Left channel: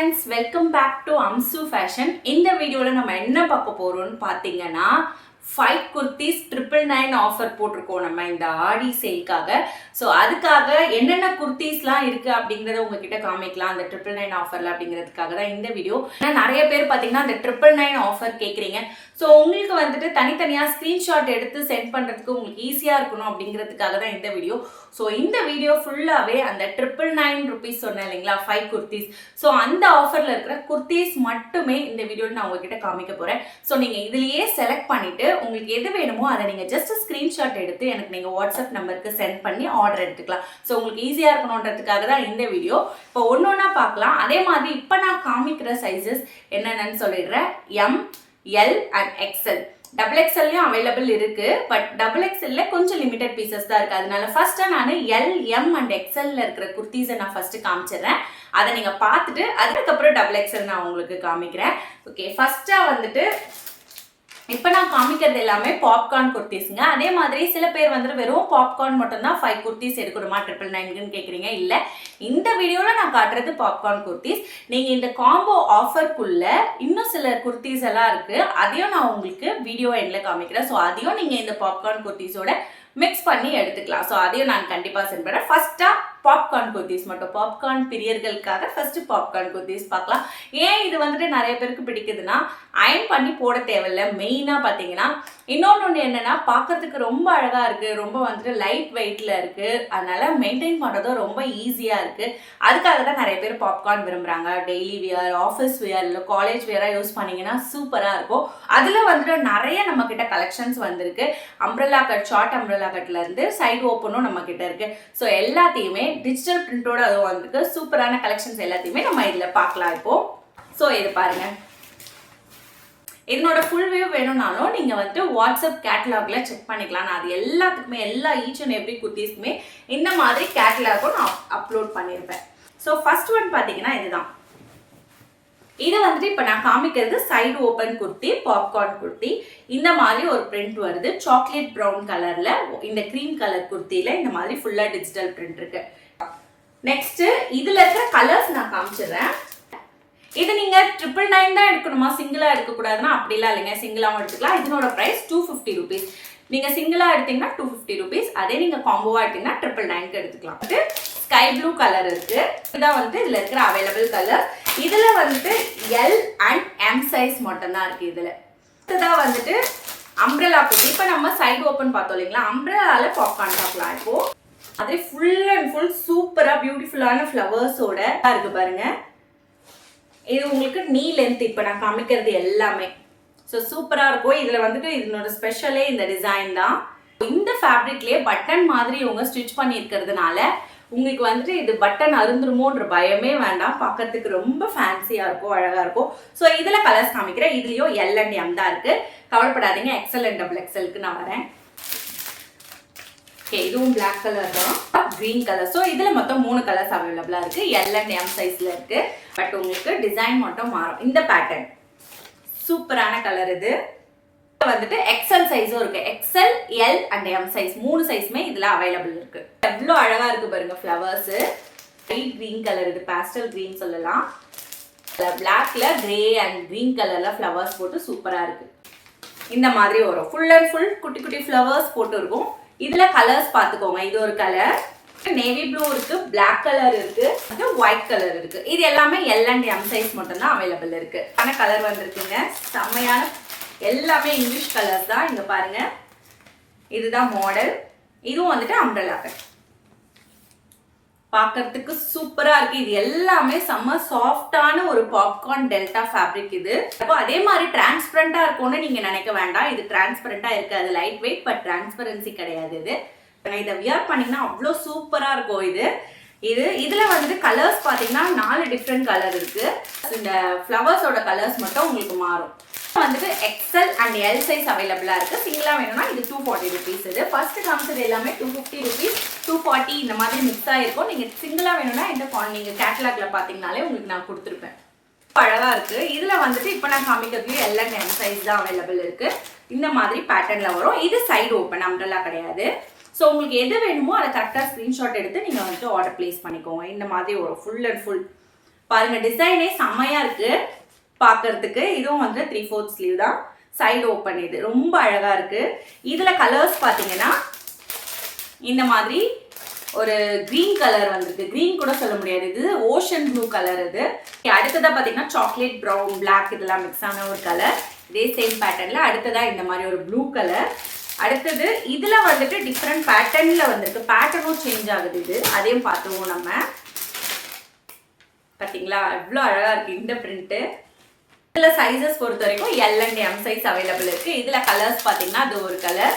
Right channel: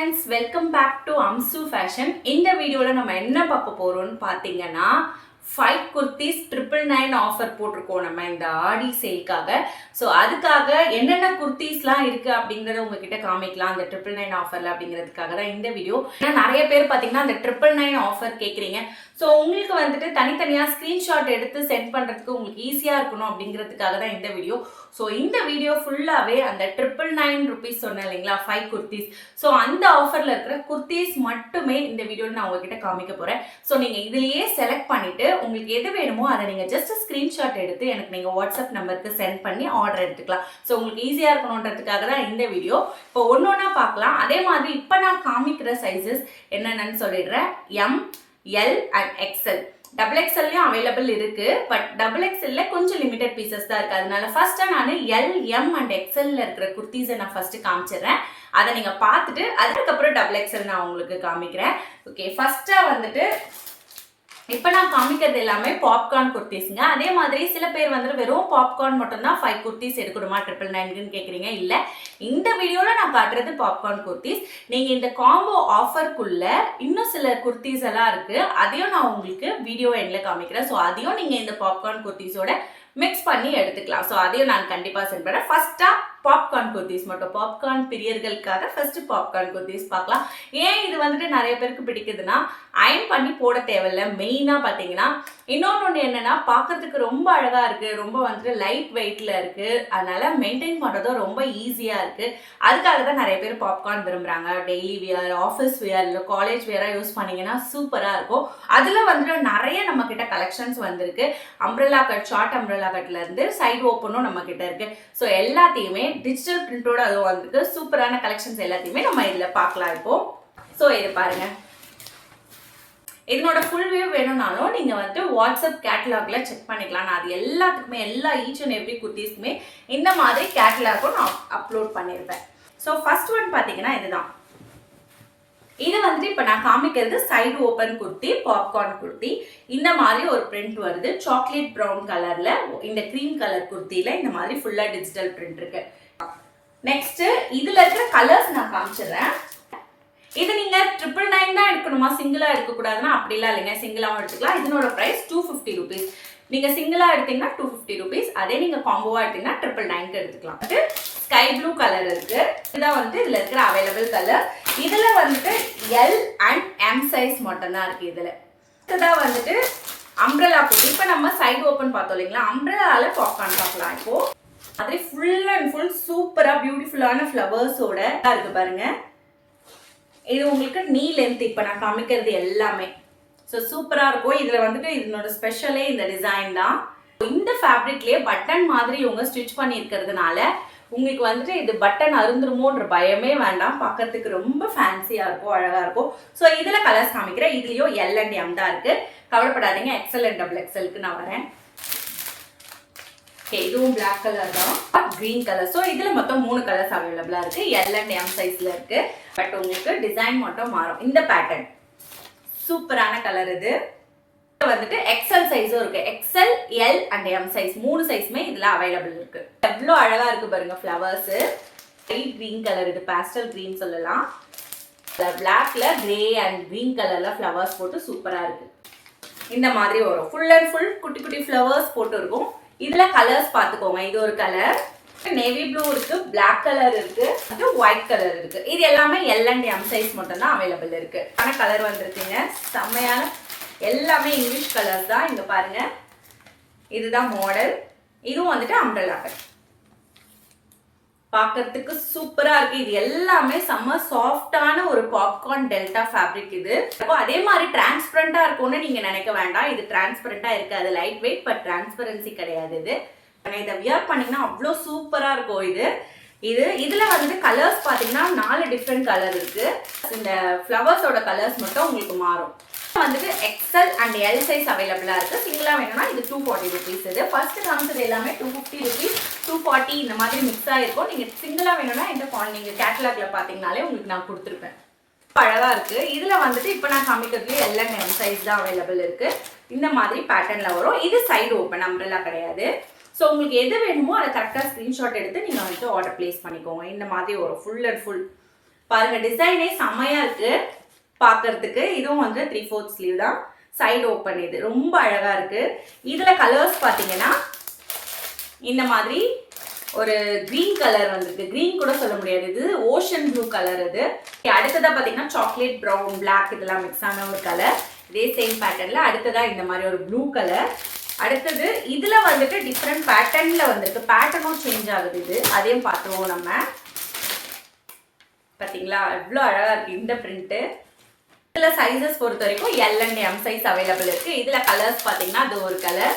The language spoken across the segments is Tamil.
friends, welcome back to Amsu Fashion. In the video நம்ம என்ன பார்க்க போறோம்னு பாத்தீங்கன்னா 5 kurtis 999 ஆஃபர் போட்டுருக்கோம் நம்ம இந்த ஆடி சேல்காக. ஸோ அதுக்காக என்னென்ன குர்த்திஸ்லாம் இருக்கு அப்படிங்கறத உங்ககிட்ட காமிக்கலாம் அந்த 999 ஆஃபர்ல அப்படிங்கிறதுக்காக தான் இந்த வீடியோ. ஏன்னா நிறைய பேர் பார்த்தீங்கன்னா அந்த 999 ஆஃபர் கேட்குறீங்க. ஸோ உங்களுக்கு வந்துட்டு தனித்தனியாக ஸ்க்ரீன்ஷாட் எடுத்து சென்ட் பண்ணுறதுக்கு உங்களுக்கு ஈஸியாக இருக்கணும் அப்படிங்கிறதுக்காக தான் இந்த வீடியோ. ஸோ இந்த வீடியோ ஃபுல்லாகவே அந்த 999 ருபீஸ் சொன்னேன் இல்லைங்களா 5 குர்த்திஸ். ஸோ அந்த ஆஃபரில் இருக்கிற குர்த்திஸ் மட்டுமே இந்த வீடியோவில் நான் உங்ககிட்ட காமிக்க போகிறேன். ஸோ நீங்கள் இதுலேயே செலக்ட் பண்ணிவிட்டு உங்களுக்கு எது வேணுமோ அதை நீங்கள் ஜஸ்ட் ஸ்க்ரீன்ஷாட் எடுத்து எனக்கு நீங்கள் வாட்ஸ்அப் நம்பருக்கு சென்ட் பண்ணி ஆர்டர் எடுத்துக்கலாம். ஸோ உங்களுக்கு ஈஸியாக இருக்கணுன்றதுக்காக தான் இந்த வீடியோ. இப்போ ஒன்று ஒன்றா பார்க்கலாம். அதே மாதிரி இப்போ நான் காமிக்கிற சைஸஸ் என்னென்னு சொல்லிடுறேன். M, L and XL. Double எக்ஸ்எல்லையும் அவைலபிள் இருக்கு. பட் டபுள் எக்ஸ்எல்ல கொஞ்சம் லிமிடெட் பீசஸ் தான் இருக்கு. அதனால ஃபர்ஸ்ட் நான் எல், எம் அண்ட் எக்ஸ்எல்ல இருக்கிற குர்த்திஸை நான் ஃபர்ஸ்ட் காமிச்சிடுறேன். அதை நீங்க பார்த்துட்டு அதுக்கப்புறம் டபுள் எக்ஸ்எல் நான் உங்களுக்கு காமிக்கிறேன். ஓகே, ஃபர்ஸ்டா வந்துட்டு இப்போ நான் காமிக்கிறது எல்லாமே பாப்கார்ன் குர்த்திஸ்ங்க. அதே மாதிரி சில பேர் வந்துட்டு வெறும் பாப்கார்ன் மட்டும்தான் 5 குர்த்திஸ் எடுக்கணுமா 999ன்னு கேட்குறீங்க. இல்லை, இந்த வீடியோவில் நான் காட்டுறது பாப்கார்ன் குர்த்திஸ். நீங்கள் இந்த காம்போ ஆஃபருக்குள்ள இன்னும் சில குர்த்திஸ் எல்லாம் இருக்குது. அதையும் நான் உங்களுக்கு வீடியோ எண்டில் காமிக்கிறேன். ஸோ அதையும் நீங்கள் இந்த பாப்கார்ன் குர்த்திஸோட மிக்ஸ் பண்ணி எடுத்துக்கலாம். ஸோ அதையும் நான் கண்டிப்பாக சென்ட் பண்ணுறேன். ஃபர்ஸ்ட்டாக பாப்கார்ன் குர்த்திஸ் மட்டும், பாப்கார்ன் பிரியர்களுக்காக ஃபர்ஸ்ட் பாப்கார்ன் குர்த்திஸ் பார்க்கலாம். ஏன் இது வந்துட்டு நிறைய பேருக்கு பிடிக்குதுன்னா அயன் பண்ணி போட தேவையில்லை. மெயினாக பார்த்தீங்கன்னா இன்னொன்று என்னென்னா பார்க்கறதுக்கு ரொம்ப அழகாக இருக்குது, ரொம்ப வந்துட்டு லைட் வெயிட்டில் இருக்குது. அதனால் மெயின்டைன் பண்ணுறதும் ரொம்ப ஈஸியாக இருக்குது. அதுக்காக தான் நிறைய பேர் பாப்கார்ன் விரும்புகிறாங்க. டெய்லி வியர், ஆஃபீஸ் வியர், இல்லை காலேஜ் வியராக யூஸ் பண்ணிங்கன்னா சூப்பராக இருக்கும். அதில் வந்துட்டு நிறைய நம்மக்கிட்ட கலெக்ஷன்ஸ் வந்திருக்கு. அம்ப்ரெல்லா கட், ஷார்ட் அம்ப்ரெல்லா கட்லேருந்து சைடு ஓப்பனும் நம்மக்கிட்ட இருக்குது. ஸோ எல்லாத்தையுமே டிஜிட்டல் பிரிண்டோட அதுவும் வந்திருக்கு. சூப்பரான கலெக்ஷன்ஸ் எல்லாத்தையுமே நம்ம இதில் பார்க்கலாம் இப்போ. ஸோ இது பாருங்கள், இதனோட ஃபுல் வியூ வேணும்னாலும் நீங்கள் வந்து வாட்ஸ்அப் கேட்டலாக்ல செக் பண்ணிக்கலாம். நான் அது எல்லாத்துக்குமே ஈச் அண்ட் எவ்ரி குர்த்திஸ்க்குமே இந்த மாதிரி கேட்டலாகும் நான் அப்லோட் பண்ணியிருப்பேன். ஸோ ஃபர்ஸ்ட் ஒன் பார்த்தீங்கன்னா இதுதான். இது வந்துட்டு இப்போ நான் காமிக்கிறது side open kurti, popcorn kurti. இந்த மாதிரி ஒரு பிரிண்ட் வருது. சாக்லேட் ப்ரௌன் கலரில் இந்த க்ரீம் கலர் குர்த்தியில் இந்த மாதிரி ஃபுல்லாக டிஜிட்டல் பிரிண்ட் இருக்கு. நெக்ஸ்ட் இதில் இருக்கிற கலர்ஸ் நான் காமிச்சிடுறேன். இது நீங்கள் 999 தான் எடுக்கணுமா, சிங்கிளாக எடுக்கக்கூடாதுன்னா அப்படிலாம் இல்லைங்க, சிங்கிளாகவும் எடுத்துக்கலாம். இதனோட ப்ரைஸ் 250 ருபீஸ். நீங்கள் சிங்கிளாக எடுத்தீங்கன்னா 250 ருபீஸ். அதே நீங்கள் காம்போவாக எடுத்தீங்கன்னா 999க்கு எடுத்துக்கலாம். இது ஸ்கை ப்ளூ கலர் இருக்குது. இதுதான் வந்துட்டு இதில் இருக்கிற அவைலபிள் கலர். இதில் வந்துட்டு எல் அண்ட் எம் சைஸ் மட்டும்தான் இருக்குது. இதில் இதுதான் வந்துட்டு அம்ப்ரெல்லா குர்த்தி. இப்போ நம்ம சைடு ஓப்பன் பார்த்தோம் இல்லைங்களா, அம்ப்ரெல்லாவில் பாப்கார்ன் பார்க்கலாம். இப்போது அது ஃபுல் அண்ட் ஃபுல் சூப்பராக பியூட்டிஃபுல்லான ஃப்ளவர்ஸோட இருக்குது பாருங்கள். இது உங்களுக்கு நீ லென்த் இப்போ நான் காமிக்கிறது எல்லாமே. ஸோ சூப்பராக இருக்கும். இதில் வந்துட்டு இதனோட ஸ்பெஷலே இந்த டிசைன் தான். இந்த ஃபேப்ரிக்லேயே பட்டன் மாதிரி இவங்க ஸ்டிச் பண்ணியிருக்கிறதுனால உங்களுக்கு வந்துட்டு இது பட்டன் அருந்துருமோன்ற பயமே வேண்டாம். பார்க்கறதுக்கு ரொம்ப ஃபேன்சியாக இருக்கும், அழகாக இருக்கும். ஸோ இதில் கலர்ஸ் காமிக்கிறேன். இதுலேயும் எல் அண்ட் எம் தான் இருக்குது. கவலைப்படாதீங்க, எக்ஸ்எல் அண்ட் டபுள் எக்ஸ்எல்க்கு நான் வரேன். ஓகே, இதுவும் பிளாக் கலர் தான், க்ரீன் கலர். ஸோ இதில் மொத்தம் 3 கலர்ஸ் அவைலபிளாக இருக்குது. எல் அண்ட் எம் சைஸில் இருக்குது. பட் உங்களுக்கு டிசைன் மட்டும் மாறும். இந்த பேட்டர்ன் சூப்பரான கலர். இது வந்துட்டு எக்ஸ்எல் சைஸும் இருக்குது. XL, L and M size 3 சைஸுமே இதில் அவைலபிள் இருக்குது. எவ்வளோ அழகாக இருக்குது பாருங்க ஃப்ளவர்ஸு. லைட் க்ரீன் கலர், இது பேஸ்டல் க்ரீன் சொல்லலாம். பிளாக்ல கிரே அண்ட் க்ரீன் கலரில் ஃப்ளவர்ஸ் போட்டு சூப்பராக இருக்குது. இந்த மாதிரி வரும். ஃபுல் அண்ட் ஃபுல் குட்டி குட்டி ஃப்ளவர்ஸ் போட்டு இருக்கும். இதில் கலர்ஸ் பார்த்துக்கோங்க. இது ஒரு கலர், நேவி ப்ளூ இருக்கு, பிளாக் கலர் இருக்கு, ஒயிட் கலர் இருக்கு. இது எல்லாமே எல் அண்ட் எம் சைஸ் மட்டும் தான் அவைலபிள் இருக்கு. ஆனால் கலர் வந்திருக்குங்க செம்மையான, எல்லாமே இங்கிலீஷ் கலர்ஸ் தான். இங்க பாருங்க, இதுதான் மாடல். இதுவும் வந்துட்டு அம்ப்ரெல்லா கட். பார்க்கறதுக்கு சூப்பரா இருக்கு. இது எல்லாமே செம்ம சாஃப்டான ஒரு பாப்கார்ன் டெல்டா ஃபேப்ரிக். இது அதே மாதிரி டிரான்ஸ்பரண்டா இருக்கும்னு நீங்க நினைக்க வேண்டாம். இது டிரான்ஸ்பரண்டா இருக்காது, லைட் வெயிட், பட் டிரான்ஸ்பரன்சி கிடையாது. இது இதை வியர் பண்ணிங்கன்னா அவ்வளோ சூப்பராக இருக்கும். இதில் வந்துட்டு கலர்ஸ் பார்த்தீங்கன்னா 4 டிஃப்ரெண்ட் கலர் இருக்குது. இந்த ஃப்ளவர்ஸோட கலர்ஸ் மட்டும் உங்களுக்கு மாறும். வந்துட்டு எக்ஸ்எல் அண்ட் எல் சைஸ் அவைலபிளாக இருக்குது. சிங்கிளாக வேணும்னா இது 240 ருபீஸ். இது ஃபர்ஸ்ட் காமிச்சது எல்லாமே 250 ருபீஸ், 240 இந்த மாதிரி மிக்ஸ் ஆகிருக்கும். நீங்கள் சிங்கிளாக வேணும்னா இந்த நீங்கள் கேட்டலாக்ல பார்த்தீங்கனாலே உங்களுக்கு நான் கொடுத்துருப்பேன். அழகாக இருக்குது. இதில் வந்துட்டு இப்போ நான் காமிக்கிறதுலேயே எல் அண்ட் எம் சைஸ் தான் அவைலபிள் இருக்குது. இந்த மாதிரி பேட்டர்னில் வரும். இது சைடு ஓப்பன், அம்ப்ரெல்லா கிடையாது. ஸோ உங்களுக்கு எது வேணுமோ அதை கரெக்டாக ஸ்க்ரீன்ஷாட் எடுத்து நீங்கள் வந்துட்டு ஆர்டர் ப்ளேஸ் பண்ணிக்கோங்க. இந்த மாதிரி ஒரு ஃபுல் அண்ட் ஃபுல் பாருங்க டிசைனே செம்மையா இருக்கு பார்க்கறதுக்கு. இதுவும் வந்து 3/4 ஸ்லீவ் தான், சைடு ஓப்பன். இது ரொம்ப அழகா இருக்கு. இதுல கலர்ஸ் பார்த்தீங்கன்னா இந்த மாதிரி ஒரு கிரீன் கலர் வந்திருக்கு. கிரீன் கூட சொல்ல முடியாது, இது ஓஷன் ப்ளூ கலர். இது அடுத்ததா பார்த்தீங்கன்னா சாக்லேட் ப்ரௌன் பிளாக் இதெல்லாம் மிக்ஸ் ஆன ஒரு கலர். இதே சேம் பேட்டர்ன்ல அடுத்ததா இந்த மாதிரி ஒரு ப்ளூ கலர். அடுத்தது இதுல வந்துட்டு டிஃப்ரெண்ட் பேட்டர்ன்ல வந்திருக்கு. பேட்டர்னும் சேஞ்ச் ஆகுது. இது அதையும் பார்த்துருவோம் நம்ம. பார்த்தீங்களா எவ்வளோ அழகா இருக்கு இந்த பிரிண்ட்டு. இதில் சைஸஸ் பொறுத்த வரைக்கும் L and M size available இருக்கு. இதில் கலர்ஸ் பார்த்தீங்கன்னா அது ஒரு கலர்,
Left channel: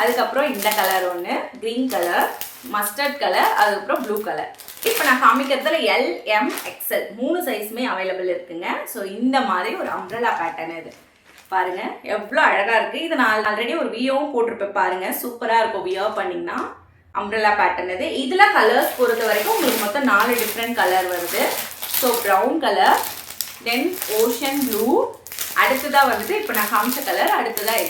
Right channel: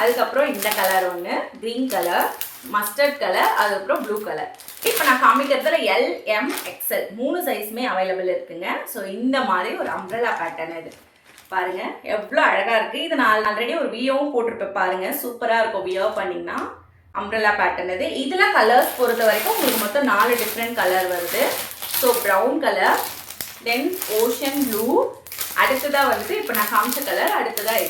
அதுக்கப்புறம் இந்த கலர் ஒன்று க்ரீன் கலர், மஸ்டர்ட் கலர், அதுக்கப்புறம் ப்ளூ கலர். இப்போ நான் காமிக்கிறதுல எல் எம் எக்ஸ்எல் 3 சைஸுமே அவைலபிள் இருக்குங்க. ஸோ இந்த மாதிரி ஒரு அம்ப்ரெல்லா பேட்டர்ன் இது பாருங்க எவ்வளோ அழகாக இருக்குது. இது நான் ஆல்ரெடி ஒரு வியோவும் போட்டிருப்பேன் பாருங்க, சூப்பராக இருக்கும் வியோ பண்ணிங்கன்னா. அம்ப்ரெல்லா பேட்டர்ன் இது. இதில் கலர்ஸ் பொறுத்த வரைக்கும் உங்களுக்கு மொத்தம் 4 டிஃப்ரெண்ட் கலர் வருது. So brown colour, then ocean blue, அடுத்ததாக வந்துட்டு இப்போ நான் காமிச்ச கலர், அடுத்ததாக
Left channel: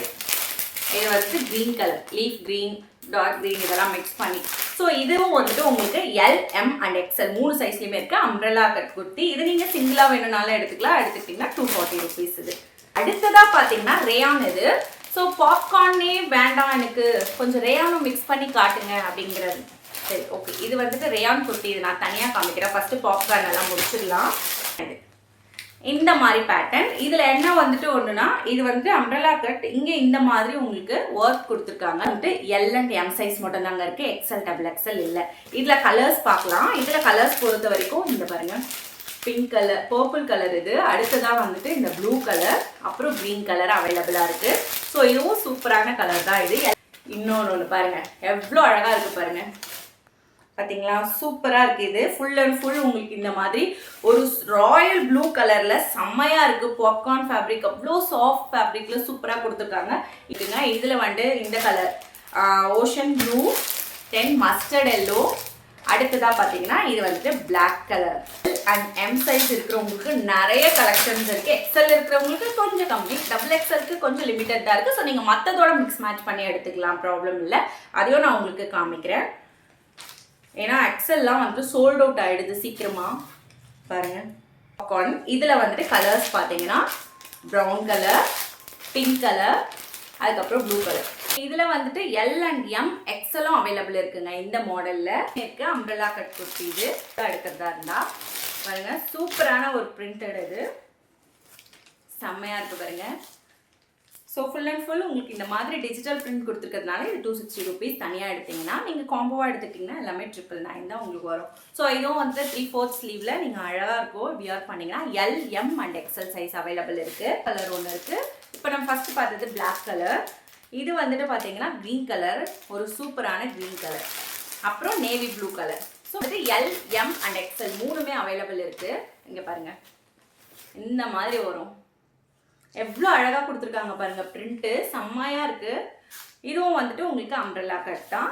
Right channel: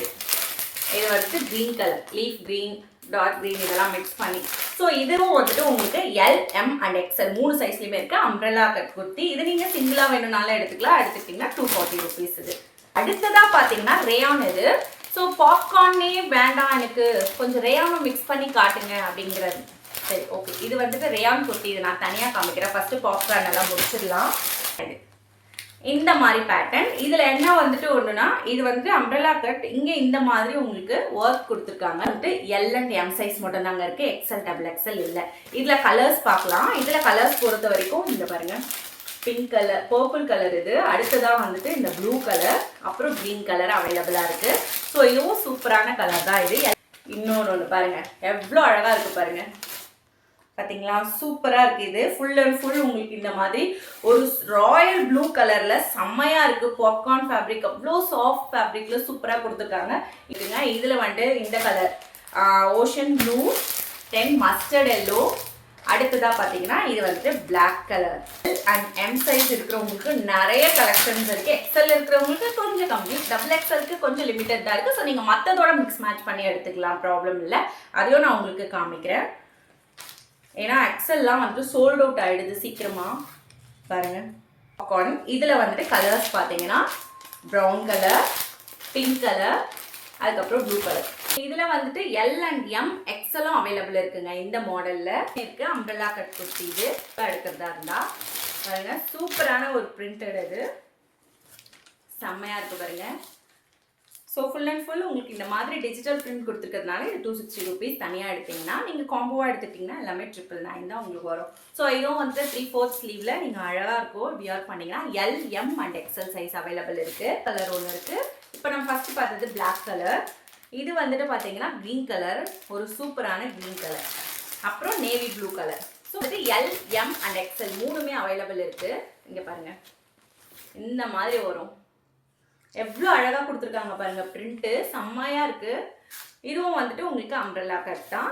இது வந்துட்டு green colour, leaf green, dark green இதெல்லாம் மிக்ஸ் பண்ணி. ஸோ இதுவும் வந்துட்டு உங்களுக்கு எல் எம் அண்ட் எக்ஸ்எல் 3 சைஸ்லையுமே இருக்குது. Umbrella cut kurti. இது நீங்கள் சிங்கிளாக வேணும்னாலும் எடுத்துக்கலாம். எடுத்துக்கிட்டிங்கன்னா 240 rupees இது. அடுத்ததாக பார்த்தீங்கன்னா ரேயான் இது. ஸோ பாப்கார்னே வேண்டாம் எனக்கு, கொஞ்சம் ரேயானும் மிக்ஸ் பண்ணி காட்டுங்க அப்படிங்கிறது. சரி ஓகே, இது வந்துட்டு ரேயான் குர்த்தி. இது நான் தனியாக காமிக்கிறேன். ஃபஸ்ட்டு பாப்கார்ன் எல்லாம் முடிச்சிடலாம். இந்த மாதிரி பேட்டர்ன். இதில் என்ன வந்துட்டு ஒன்றுனா, இது வந்துட்டு அம்ப்ரெல்லா கட். இங்கே இந்த மாதிரி உங்களுக்கு ஒர்க் கொடுத்துருக்காங்க. வந்துட்டு எல் அண்ட் எம் சைஸ் மட்டும் தாங்க இருக்குது, எக்ஸ்எல் டபுள் எக்ஸ்எல் இல்லை. இதில் கலர்ஸ் பார்க்கலாம். இதில் கலர்ஸ் பொறுத்த வரைக்கும் இந்த பாருங்கள், பிங்க் கலர், பர்பிள் கலர் இது. அடுத்ததாக வந்துட்டு இந்த ப்ளூ கலர், அப்புறம் க்ரீன் கலர் அவைலபிளாக இருக்குது. ஸோ இதுவும் சூப்பரான கலர் தான் இது. இன்னொன்று பாருங்கள் எவ்வளோ அழகாக இருக்குது பாருங்கள். பார்த்தீங்களா சூப்பராக இருக்குது. இது ஃபுல் அண்ட் ஃபுல் உங்களுக்கு இந்த மாதிரி ஒரு ராயல் ப்ளூ கலரில் செம்மையாக இருக்குது. பாப்கார்ன் ஃபேப்ரிக், அவ்வளோ சாஃப்ட் ஃபேப்ரிக்கில் சூப்பராக கொடுத்துருக்காங்க. இதுங்க இதில் வந்துட்டு இந்த colour ocean blue, then mustard yellow, அடுத்ததாக பார்த்தீங்கன்னா இது வந்துட்டு black colour. And M size இருக்கிறவங்களுக்கு நிறைய கலெக்ஷன்ஸ் இருக்குது. எக்ஸ்எல் இருக்கிறவங்களுக்கு கொஞ்சம் கம்மி, டபுள் எக்ஸ்எல்க்கு கொஞ்சம் லிமிட்டட் தான் இருக்குது. ஸோ நீங்கள் மற்றதோட மிக்ஸ் மேட்ச் பண்ணி எடுத்துக்கலாம், ப்ராப்ளம் இல்லை. அதையும் நான் உங்களுக்கு காமிக்கிறேன். ஏன்னா எக்ஸல்லாம் வந்துட்டு சோல்ட் அவுட் ஆகிடுது சீக்கிரமாக. பாருங்கள் பாப்கார்ன். இதில் வந்துட்டு கலர்ஸ் பார்த்தீங்கன்னா ப்ரௌன் கலர், பிங்க் கலர், அதுக்கப்புறம் ப்ளூ கலர். இதில் வந்துட்டு எல் அண்ட் எம் எக்ஸலும் அவைலபிள் இருக்குங்க. இந்த மாடலில் இருக்குது அம்ப்ரெல்லா கட் குர்த்தி. இது எடுக்கிறதா இருந்தால் பாருங்கள் சூப்பரான ஒரு பிரிண்டட். இது செம்மையாக இருக்குது பாருங்கள். ஸோ ஃபுல் அண்ட் ஃபுல் உங்களுக்கு இந்த மாதிரி டிஜிட்டல் பிரிண்ட் கொடுத்துருக்கிறதுனால இது 260 rupees. தனியாக எடுத்திங்கன்னா, நீங்கள் காம்போவாக எடுத்துட்டிங்கன்னா எல்லாமே 999 தான் உங்களுக்கு வரும். ஸோ இதுவும் வந்துட்டு 3/4 ஸ்லீவில் நீங்கள் அழகாக இருக்கும் வியர் பண்ணிங்கன்னா. L M and XL size available இருக்குது. கலர் ஒன்று இருக்குது. இப்போ நம்ம ஃபஸ்ட்டு பார்த்தது பிளாக் கலர். இது வந்துட்டு பார்த்தீங்கன்னா க்ரீன் கலர், ஒரு சூப்பரான க்ரீன் கலர், அப்புறம் நேவி ப்ளூ கலர். ஸோ வந்துட்டு எல் எம் அண்ட் எக்ஸ்எல் 3மே அவைலபிள் இருக்குது. இங்கே பாருங்கள் இந்த மாதிரி வரும். எவ்வளோ அழகாக கொடுத்துருக்காங்க பாருங்கள், பிரிண்ட்டு செம்மையாக இருக்குது. இதுவும் வந்துட்டு உங்களுக்கு அம்ப்ரெல்லா கட் தான்.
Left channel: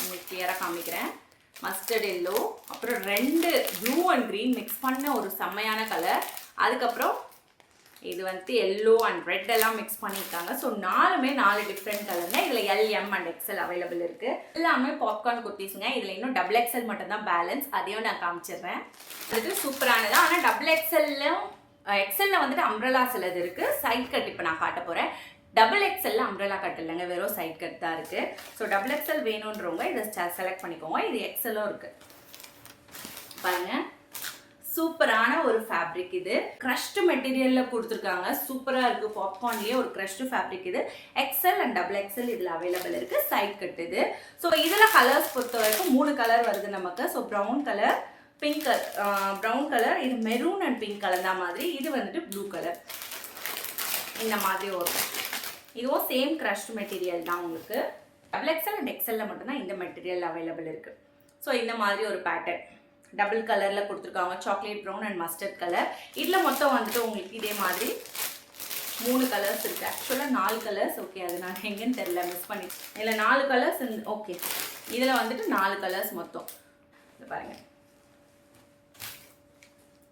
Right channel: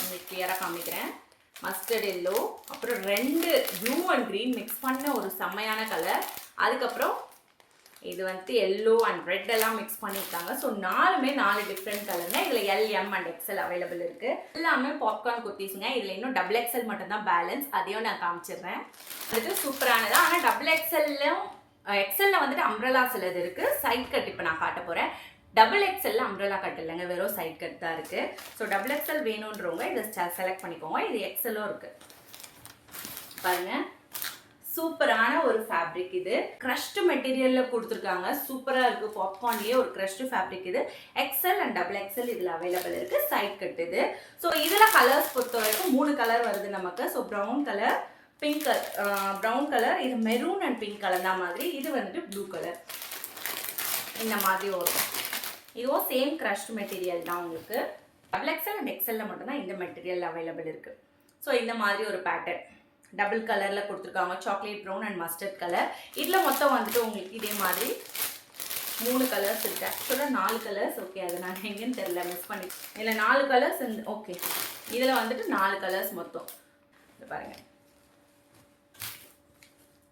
உங்களுக்கு கிளியராக காமிக்கிறேன். மஸ்டர்ட் எல்லோ, அப்புறம் 2 ப்ளூ அண்ட் க்ரீன் மிக்ஸ் பண்ண ஒரு செம்மையான கலர். அதுக்கப்புறம் இது வந்துட்டு எல்லோ அண்ட் ரெட் எல்லாம் மிக்ஸ் பண்ணியிருக்காங்க. ஸோ 4மே 4 டிஃப்ரெண்ட் கலர்னா இதில் L M and XL available இருக்குது. எல்லாமே பாப்கார்ன் குர்த்திஸுங்க. இதில் இன்னும் டபுள் எக்ஸ்எல் மட்டும்தான் பேலன்ஸ், அதையும் நான் காமிச்சிடுறேன். வந்துட்டு சூப்பரானது. ஆனால் டபுள் எக்ஸ்எல்லும் எக்ஸ்எல்ல வந்துட்டு அம்ப்ரெல்லா சிலது இருக்குது. சைட் கட் இப்போ நான் காட்ட போகிறேன். டபுள் எக்ஸ்எல்ல அம்ப்ரெல்லா கட் இல்லைங்க, வெறும் சைட் கட் தான் இருக்குது. ஸோ டபுள் எக்ஸ்எல் வேணுன்றவங்க இதை செலக்ட் பண்ணிக்கோங்க. இது எக்ஸ்எல்லும் இருக்குது பாருங்கள். சூப்பரான ஒரு ஃபேப்ரிக். இது க்ரஷ்டு மெட்டீரியலில் கொடுத்துருக்காங்க. சூப்பராக இருக்குது. பாப்கார்ன்லேயே ஒரு க்ரஷ்டு ஃபேப்ரிக். இது எக்ஸ்எல் அண்ட் டபுள் எக்ஸ்எல் இதில் அவைலபிள் இருக்குது. சைட் கட் இது. ஸோ இதில் கலர்ஸ் பொறுத்த வரைக்கும் 3 கலர் வருது நமக்கு. So brown colour, pink colour, brown colour, இது மெரூன் அண்ட் பிங்க் கலர் தான் மாதிரி. இது வந்துட்டு ப்ளூ கலர் இந்த மாதிரி வரும். இதுவும் சேம் க்ரஷ்டு மெட்டீரியல் தான் உங்களுக்கு. டபுள் எக்ஸ்எல் அண்ட் எக்ஸ்எல்ல மட்டும்தான் இந்த மெட்டீரியல் அவைலபிள் இருக்குது. ஸோ இந்த மாதிரி ஒரு பேட்டர்ன் டபுள் கலரில் கொடுத்துருக்காங்க. Chocolate brown and mustard colour. இதில் மொத்தம் வந்துட்டு உங்களுக்கு இதே மாதிரி 3 கலர்ஸ் இருக்குது. ஆக்சுவலாக 4 கலர்ஸ். ஓகே, அது நான் எங்கேன்னு தெரியல, மிஸ் பண்ணி. இல்லை 4 கலர்ஸ். ஓகே, இதில் வந்துட்டு 4 கலர்ஸ் மொத்தம். இது பாருங்கள்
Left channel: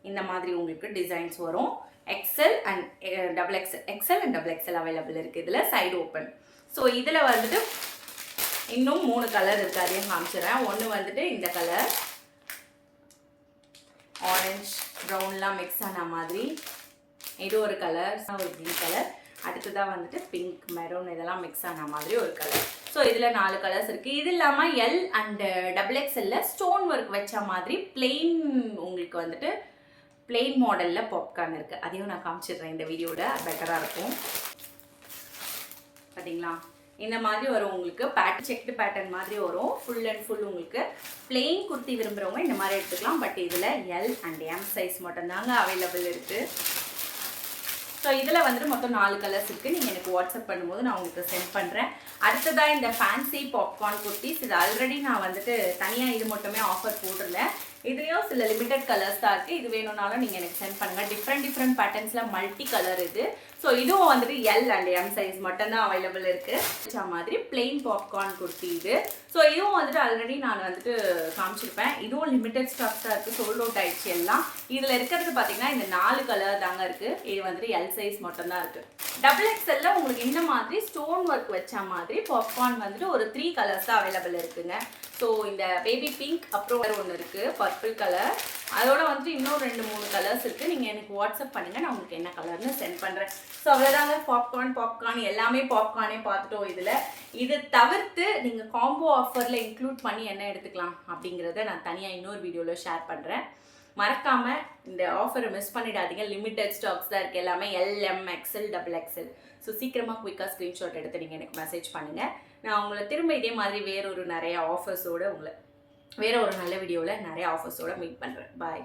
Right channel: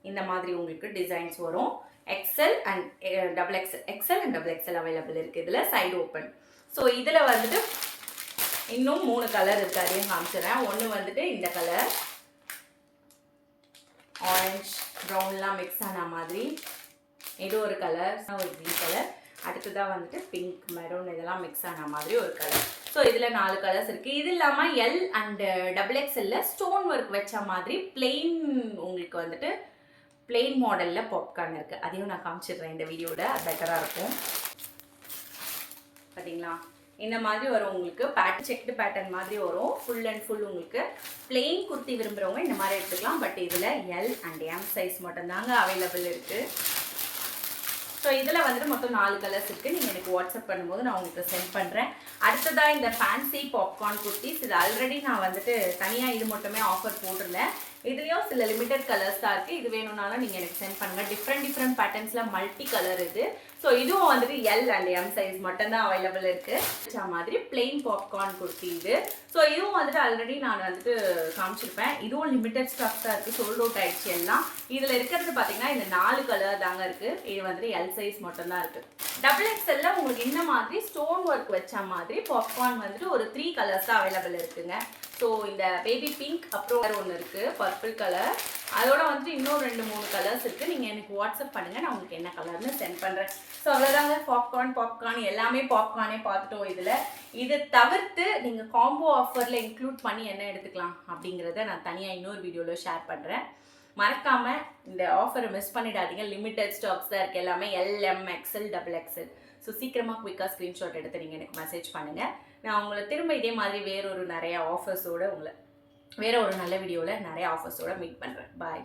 இந்த மாதிரி உங்களுக்கு டிசைன்ஸ் வரும். XL and double XL, XL and double XL available இருக்குது. இதில் சைடு ஓப்பன். ஸோ இதில் வந்துட்டு இன்னும் 3 கலர் இருக்குது, அதையும் காமிச்சிடுறேன். ஒன்று வந்துட்டு இந்த கலர் ஆரஞ்ச் ப்ரௌன்லாம் மிக்ஸ் ஆன மாதிரி. இது ஒரு கலர், ஒரு க்ரீன் கலர். அடுத்ததாக வந்துட்டு பிங்க் மெரூன் இதெல்லாம் மிக்ஸ் ஆன மாதிரி ஒரு கலர். ஸோ இதில் 4 கலர்ஸ் இருக்குது. இது இல்லாமல் L and XXL stone work வச்ச மாதிரி பிளெயின் உங்களுக்கு வந்துட்டு பிளெயின் மாடலில் பாப்கார்ன் இருக்குது. அதையும் நான் காமிச்சிடுறேன் இந்த வீடியோவில், பெட்டராக இருக்கும். பார்த்தீங்களா, இந்த மாதிரி வரும் உங்களுக்கு செக்டு பேட்டர்ன் மாதிரி வரும். ஃபுல் அண்ட் ஃபுல் உங்களுக்கு பிளெயின் குர்த்தி விரும்புகிறவங்க இந்த மாதிரி எடுத்துக்கலாம். பட் இதில் எல் அண்ட் எம் சைஸ் மட்டும்தாங்க அவைலபிள் இருக்குது. ஸோ இதில் வந்துட்டு மொத்தம் 4 கலர்ஸ் இருக்குது. நீங்கள் எனக்கு வாட்ஸ்அப் பண்ணும்போது நான் உங்களுக்கு சென்ட் பண்ணுறேன். அடுத்ததாக இந்த ஃபேன்சி பாப்கார்ன் குர்த்திஸ், இது ஆல்ரெடி நான் வந்துட்டு தனியாக இது மட்டுமே ஆஃபர் போட்டிருந்தேன். இதுலேயும் சில லிமிட்டட் கலர்ஸ் தான் இருக்குது. இது வேணும்னாலும் நீங்கள் எனக்கு சென்ட் பண்ணுங்கள். டிஃப்ரெண்ட் பேட்டர்ன்ஸில் மல்டி கலர் இது. ஸோ இதுவும் வந்துட்டு எல் அண்ட் எம் சைஸ் மட்டும்தான் அவைலபிள் இருக்குது. மாதிரி பிளெயின் பாப்கார்ன் குர்த்தி இது. ஸோ இதுவும் வந்துட்டு ஆல்ரெடி நான் வந்துட்டு காமிச்சிருப்பேன். இதுவும் லிமிட்டட் ஸ்டாக்ஸ் தான் இருக்குது, சோல்ட் அவுட் ஆயிடுச்சு எல்லாம். இதில் இருக்கிறது பார்த்தீங்கன்னா இந்த 4 கலர் தாங்க இருக்குது. இது வந்துட்டு எல் சைஸ் மட்டும்தான் இருக்குது. XXL உங்களுக்கு இந்த மாதிரி ஸ்டோன் ஒர்க் வச்ச மாதிரி பாப்கார்ன் வந்துட்டு ஒரு 3 கலர்ஸ் தான் அவைலபிள் இருக்குங்க. ஸோ இந்த பேபி பிங்க் அப்புறம் ஒன்று இருக்குது பர்பிள் கலர். அதோட வந்துட்டு இன்னும் 2-3 கலர்ஸ் இருக்குது. நீங்கள் எனக்கு வாட்ஸ்அப் பண்ணுங்கள், நான் உங்களுக்கு என்ன கலர்னு சென்ட் பண்ணுறேன். ஸோ அவ்வளோதாங்க, பாப்கார்ன் எல்லாமே பாப்கார்னே பார்த்துட்டோம். இதில் இது தவிர்த்து நீங்கள் காம்போ ஆஃபரில் இன்க்ளூட் பண்ணி என்ன எடுத்துக்கலாம் அப்படிங்கிறத நான் தனியாக இன்னொரு வீடியோவில் ஷேர் பண்ணுறேன். மறக்காமல் இந்த ஆஃபரை மிஸ் பண்ணிடாதீங்க. லிமிட்டட் ஸ்டாக்ஸ் தான் இருக்குது. எல்லாமே LM XL XXL. ஸோ சீக்கிரமாக குயிக்காக ஸ்க்ரீன்ஷாட் எடுத்து நீங்கள் எனக்கு மெசேஜ் பண்ணுங்கள். நான் உங்களை திரும்ப இதே மாதிரி வேற ஒரு நல்ல வீடியோவில் நிறைய ஆஃபர்ஸோடு மீட் பண்ணுறேன். பாய்.